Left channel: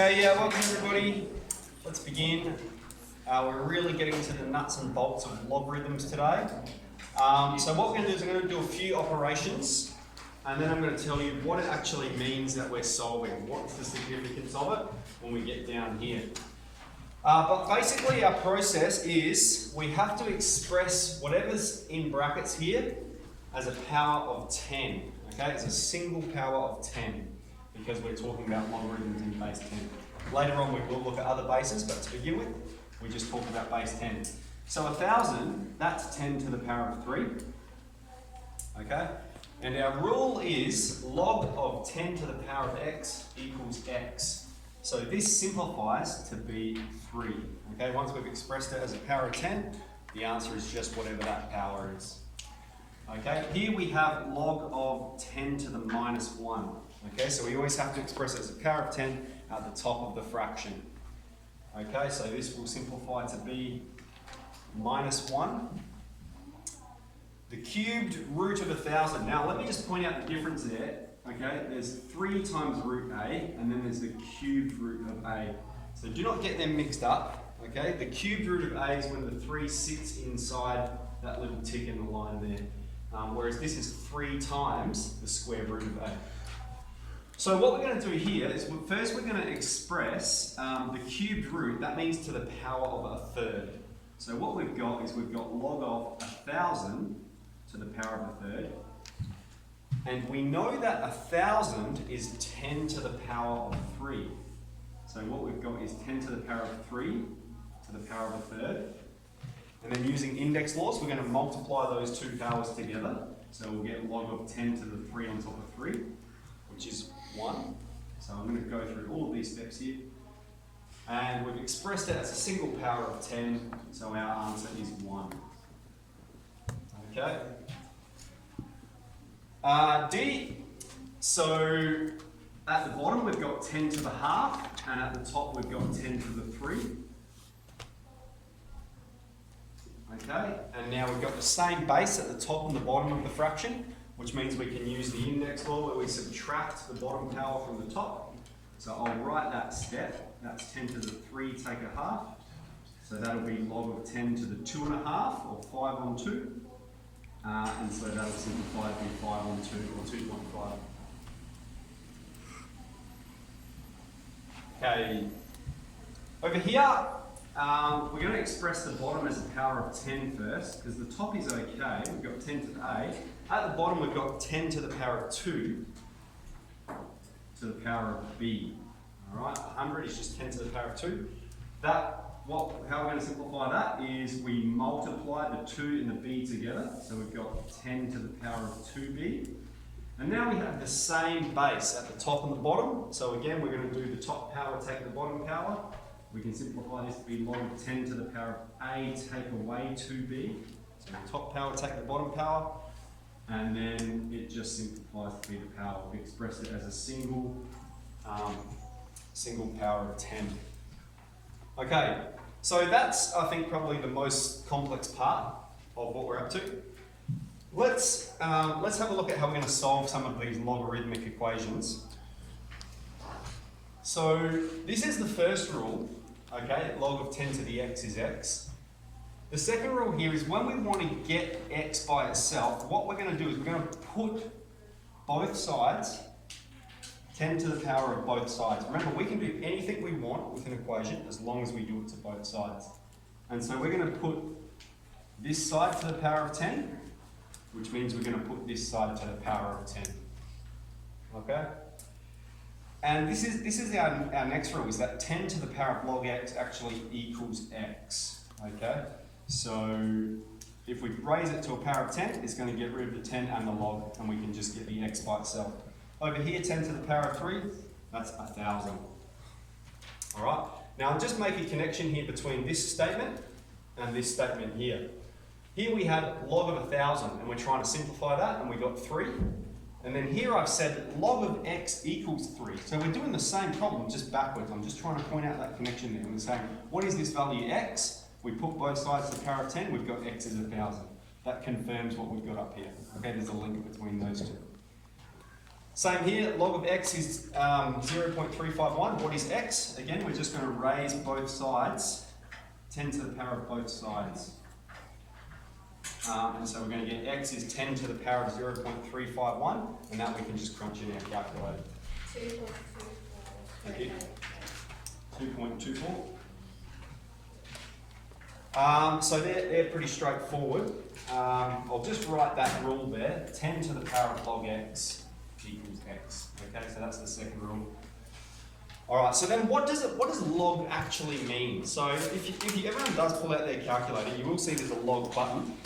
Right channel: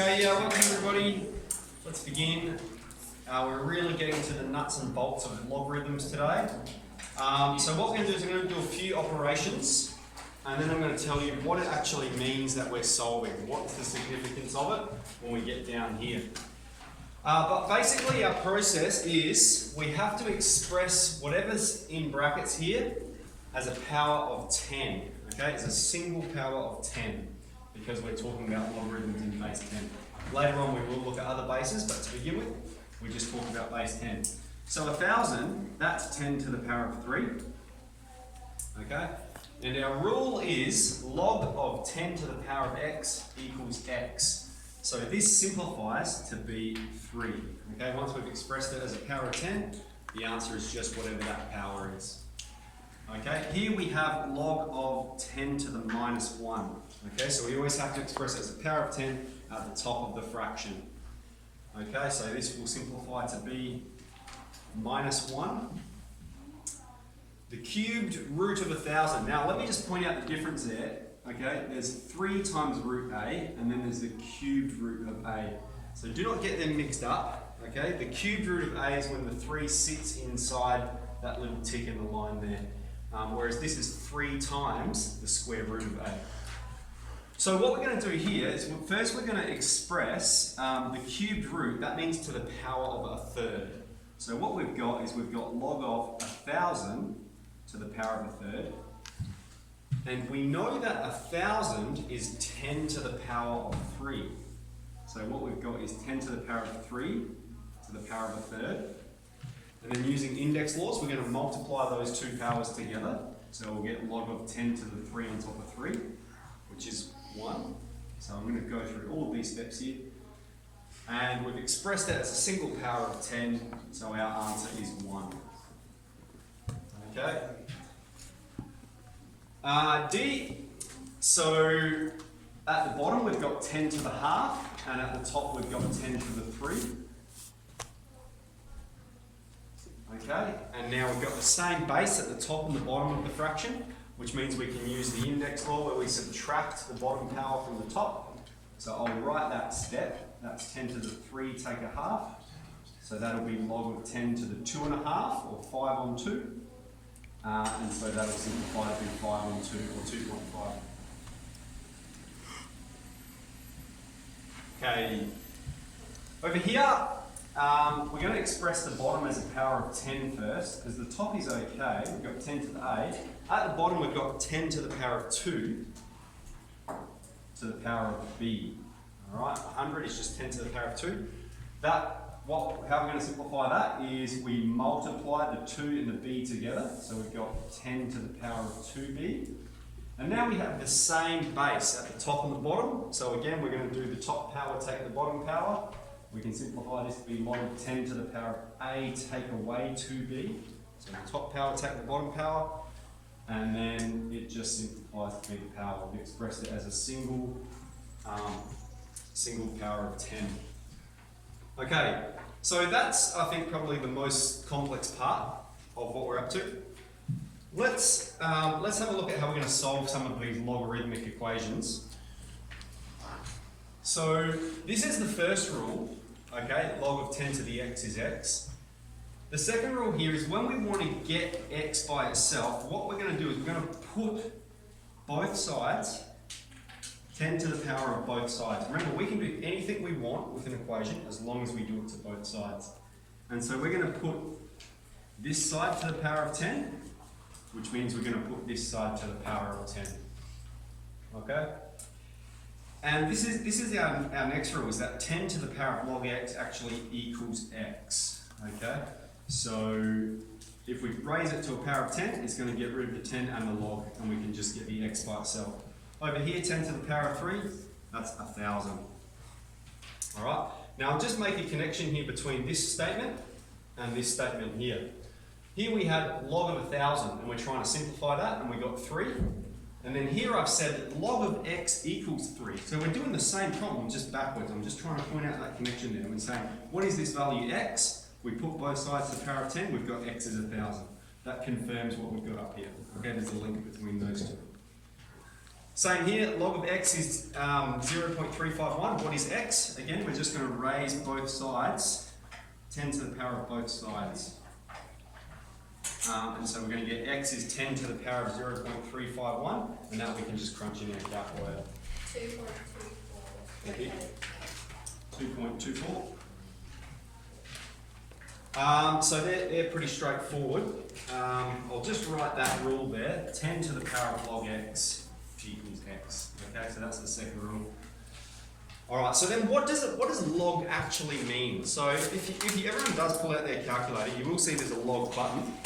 Okay, yeah, welcome everybody. Let's begin. We're really getting to the nuts and bolts of logarithms today. So what we're going to do is I'm going to do a few operations, and then I'm going to tell you what it actually means that we're solving. What's the significance of it when we get down here. But basically our process is we have to express whatever's in brackets here as a power of 10. Okay, it's a single power of 10 because we're talking about logarithms in base 10. Later on we will look at other bases, but to begin with, we're just talking about base 10. So 1,000, that's 10 to the power of 3. Okay, and our rule is log of 10 to the power of x equals x. So this simplifies to be 3. Okay, once we've expressed it as a power of 10, the answer is just whatever that power is. Okay, here we have log of 10 to the minus 1. Okay, so we always have to express it as a power of 10 at the top of the fraction. Okay, so this will simplify to be minus 1. The cubed root of 1,000. Now let me just point out the difference there. Okay, there's 3 times root a, and then there's the cubed root of a. So do not get them mixed up. Okay, the cubed root of a is when the 3 sits inside that little tick in the line there, whereas this is 3 times the square root of a. So what we're going to do here is first we're going to express the cubed root. That means to the power of a third. So what we've got is we've got log of 1,000 to the power of a third. And we know that 1,000 is 10 to the power of 3. So what we've got is 10 to the power of 3 to the power of a third. And then using index laws, we're going to multiply those two powers together. So we'll get log of 10 to the 3 on top of 3, which is 1. So I'm going to go through all of these steps here. And we've expressed it as a single power of 10, so our answer is 1. Okay. D, so at the bottom we've got 10 to the half, and at the top we've got 10 to the 3. Okay, and now we've got the same base at the top and the bottom of the fraction, which means we can use the index law where we subtract the bottom power from the top. So I'll write that step, that's 10 to the 3 take a half, so that'll be log of 10 to the 2.5, or 5 on 2. And so that'll simplify to be 5 on 2, or 2.5. Okay, over here, we're going to express the bottom as a power of 10 first, because the top is okay, we've got 10 to the a. At the bottom we've got 10 to the power of 2 to the power of b. Alright, 100 is just 10 to the power of 2. How we're going to simplify that is we multiply the 2 and the b together, so we've got 10 to the power of 2b. And now we have the same base at the top and the bottom, so again we're going to do the top power take the bottom power. We can simplify this to be log of 10 to the power of a take away 2b. So the top power take the bottom power, and then it just simplifies to be the power. We've expressed it as a single power of 10. Okay, so that's, I think, probably the most complex part of what we're up to. Let's have a look at how we're going to solve some of these logarithmic equations. So this is the first rule, okay, log of 10 to the x is x. The second rule here is when we want to get x by itself, what we're going to do is we're going to put both sides 10 to the power of both sides. Remember, we can do anything we want with an equation as long as we do it to both sides. And so we're going to put this side to the power of 10, which means we're going to put this side to the power of 10. Okay? And this is our next rule, is that 10 to the power of log x actually equals x. Okay? So if we raise it to a power of 10, it's going to get rid of the 10 and the log, and we can just get the x by itself. Over here, 10 to the power of 3, that's 1,000. Alright, now I'll just make a connection here between this statement and this statement here. Here we had log of 1,000, and we're trying to simplify that, and we got 3. And then here I've said that log of x equals 3. So we're doing the same problem, just backwards. I'm just trying to point out that connection there. I'm saying, what is this value x? We put both sides to the power of 10, we've got x is 1,000. That confirms what we've got up here. Okay, there's a link between those two. Same here, log of x is 0.351. What is x? Again, we're just going to raise both sides, 10 to the power of both sides. And so we're going to get x is 10 to the power of 0.351, and that we can just crunch in our calculator. 2.24. Thank you. 2.24. So they're pretty straightforward. I'll just write that rule there. 10 to the power of log x equals x. Okay, so that's the second rule. All right, so then what does log actually mean? So if everyone does pull out their calculator, you will see there's a log button.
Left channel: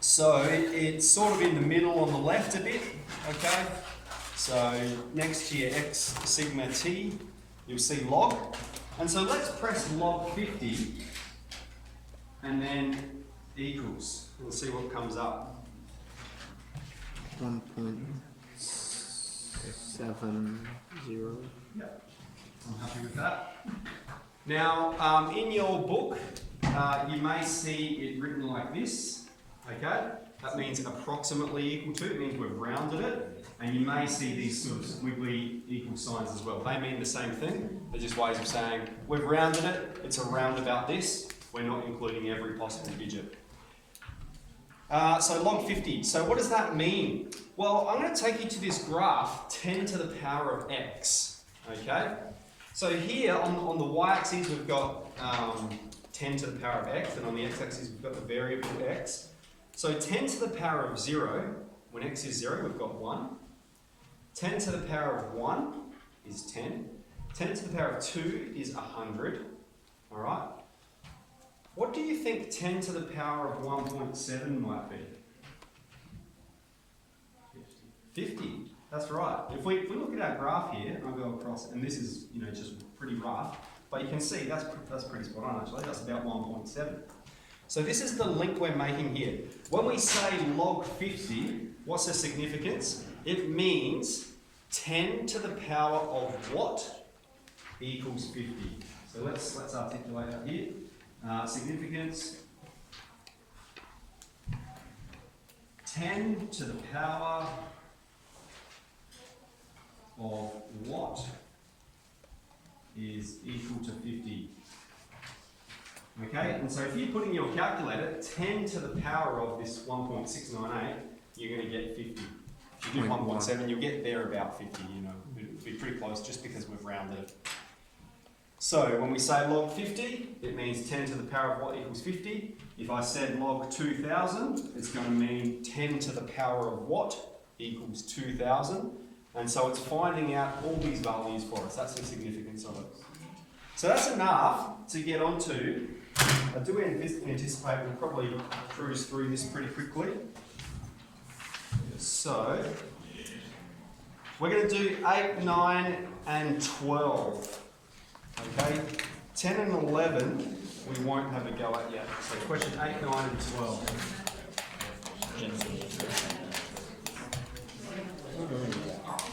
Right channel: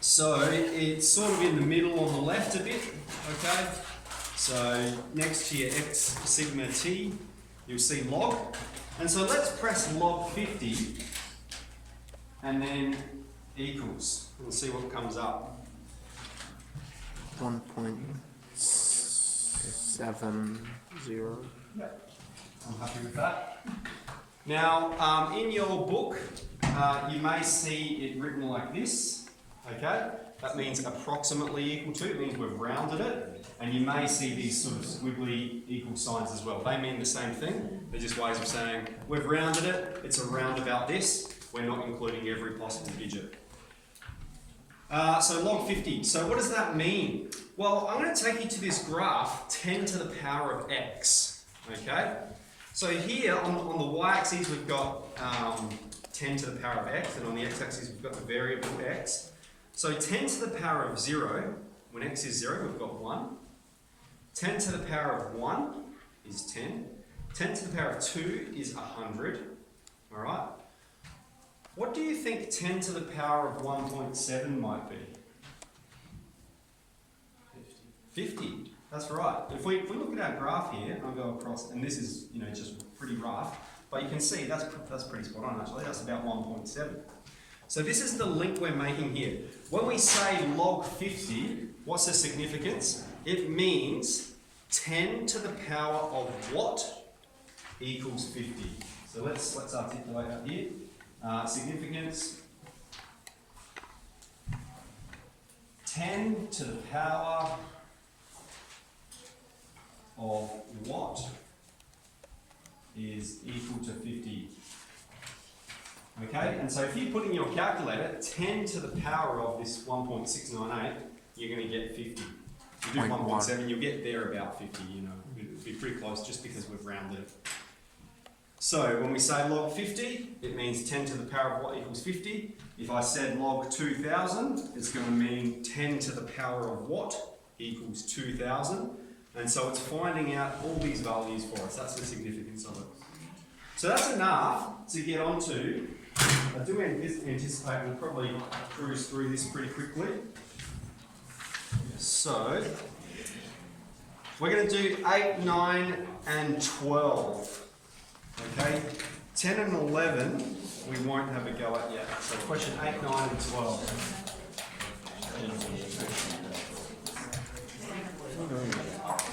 So it's sort of in the middle on the left a bit, okay? So next to your x sigma t, you'll see log. And so let's press log 50 and then equals. We'll see what comes up. 1.70. Yep. I'm happy with that. Now, in your book, you may see it written like this, okay? That means approximately equal to, it means we've rounded it. And you may see these sort of squiggly equal signs as well. They mean the same thing. They're just ways of saying, we've rounded it, it's around about this. We're not including every possible digit. So log 50. So what does that mean? Well, I'm going to take you to this graph, 10 to the power of x, okay? So here on the y-axis, we've got 10 to the power of x, and on the x-axis, we've got the variable x. So 10 to the power of 0, when x is 0, we've got 1. 10 to the power of 1 is 10. 10 to the power of 2 is 100, all right? What do you think 10 to the power of 1.7 might be? 50. That's right. If we look at our graph here, I'll go across, and this is just pretty rough, but you can see that's pretty spot on actually. That's about 1.7. So this is the link we're making here. When we say log 50, what's the significance? It means 10 to the power of what equals 50. So let's articulate that here. Significance, 10 to the power of what is equal to 50. Okay, and so if you put in your calculator 10 to the power of this 1.698, you're going to get 50. If you do 1.7, you'll get there about 50, it'll be pretty close just because we've rounded it. So when we say log 50, it means 10 to the power of what equals 50. If I said log 2000, it's going to mean 10 to the power of what equals 2000. And so it's finding out all these values for us. That's the significance of it. So that's enough to get onto. I do anticipate we'll probably cruise through this pretty quickly. So we're going to do 8, 9, and 12. Okay, 10 and 11 we won't have a go at yet. So question 8, 9, and 12.